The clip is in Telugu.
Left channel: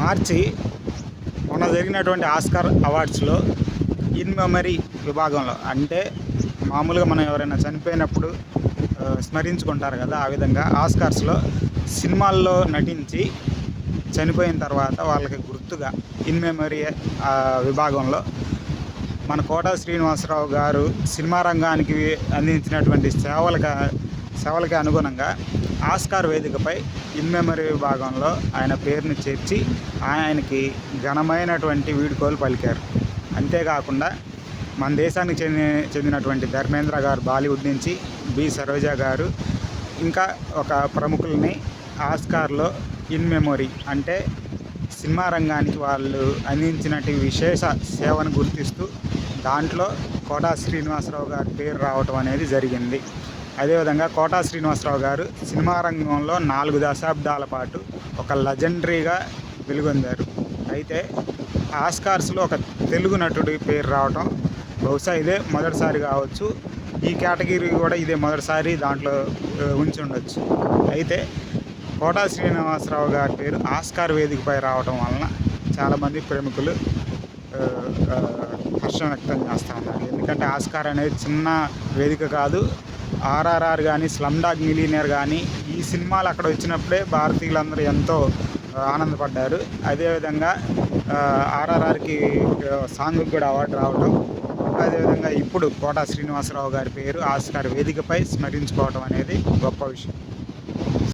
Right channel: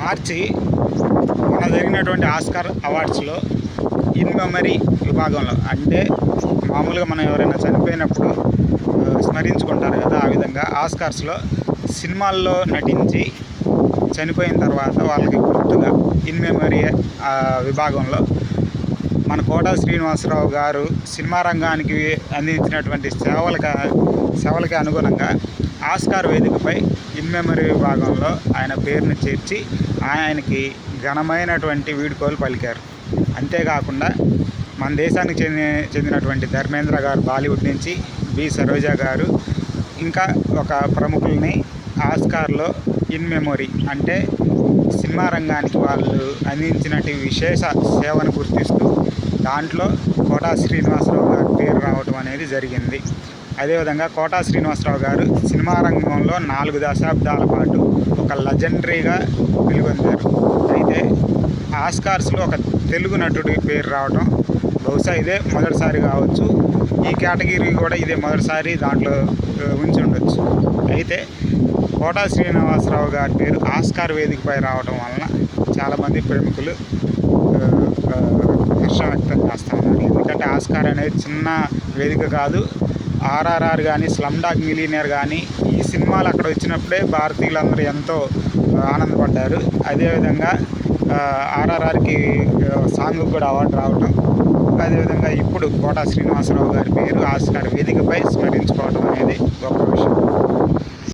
మార్చి మొన్న జరిగినటువంటి ఆస్కార్ అవార్డ్స్లో ఇన్ మెమరీ విభాగంలో, అంటే మామూలుగా మనం ఎవరైనా చనిపోయినప్పుడు స్మరించుకుంటారు కదా, ఆ విధంగా ఆస్కార్స్లో సినిమాల్లో నటించి చనిపోయిన తర్వాత వాళ్ళకి గుర్తుగా ఇన్ మెమరీ విభాగంలో మన కోటా శ్రీనివాసరావు గారు సినిమా రంగానికి అందించినటువంటి సేవలకి అనుగుణంగా ఆస్కార్ వేదికపై ఇన్ మెమరీ విభాగంలో ఆయన పేరును చేర్చి ఆయనకి ఘనమైనటువంటి వీడ్కోలు పలికారు. అంతేకాకుండా మన దేశానికి చెందినటువంటి ధర్మేంద్ర గారు బాలీవుడ్ నుంచి, బి సరోజా గారు, ఇంకా ఒక ప్రముఖుల్ని ఆస్కార్లో ఇన్ మెమరీ అంటే సినిమా రంగానికి వాళ్ళు అందించినటువంటి విశేష సేవను గుర్తిస్తూ దాంట్లో కోటా శ్రీనివాసరావు గారి పేరు రావటం అనేది జరిగింది. అదేవిధంగా కోటా శ్రీనివాసరావు గారు సినిమా రంగంలో 4 దశాబ్దాల పాటు ఒక లెజెండరీగా వెలుగొందారు. అయితే ఆస్కార్స్లో ఒక తెలుగు నటుడి పేరు రావటం బహుశా ఇదే మొదటిసారి కావచ్చు. ఈ కేటగిరీ కూడా ఇదే మొదటిసారి దాంట్లో ఉంచి ఉండొచ్చు. అయితే కోటా శ్రీనివాసరావు గారి పేరు ఆస్కార్ వేదికపై రావడం వలన చాలామంది ప్రముఖులు హర్షం వ్యక్తం చేస్తూ ఉన్నారు. ఎందుకంటే ఆస్కార్ అనేది చిన్న వేదిక కాదు. ఆర్ఆర్ఆర్ కానీ, స్లమ్ డాగ్ మిలియనేర్ కానీ, ఈ సినిమాలు అక్కడ వచ్చినప్పుడే భారతీయులందరూ ఎంతో ఆనందపడ్డారు. అదేవిధంగా ఆర్ఆర్ఆర్కి సాంగ్కి కూడా అవార్డు రావటం, అదేవిధంగా ఇప్పుడు కోటా శ్రీనివాసరావు గారి పేరు ఆస్కార్ వేదికపై స్మరించుకోవడం అనేది గొప్ప విషయం.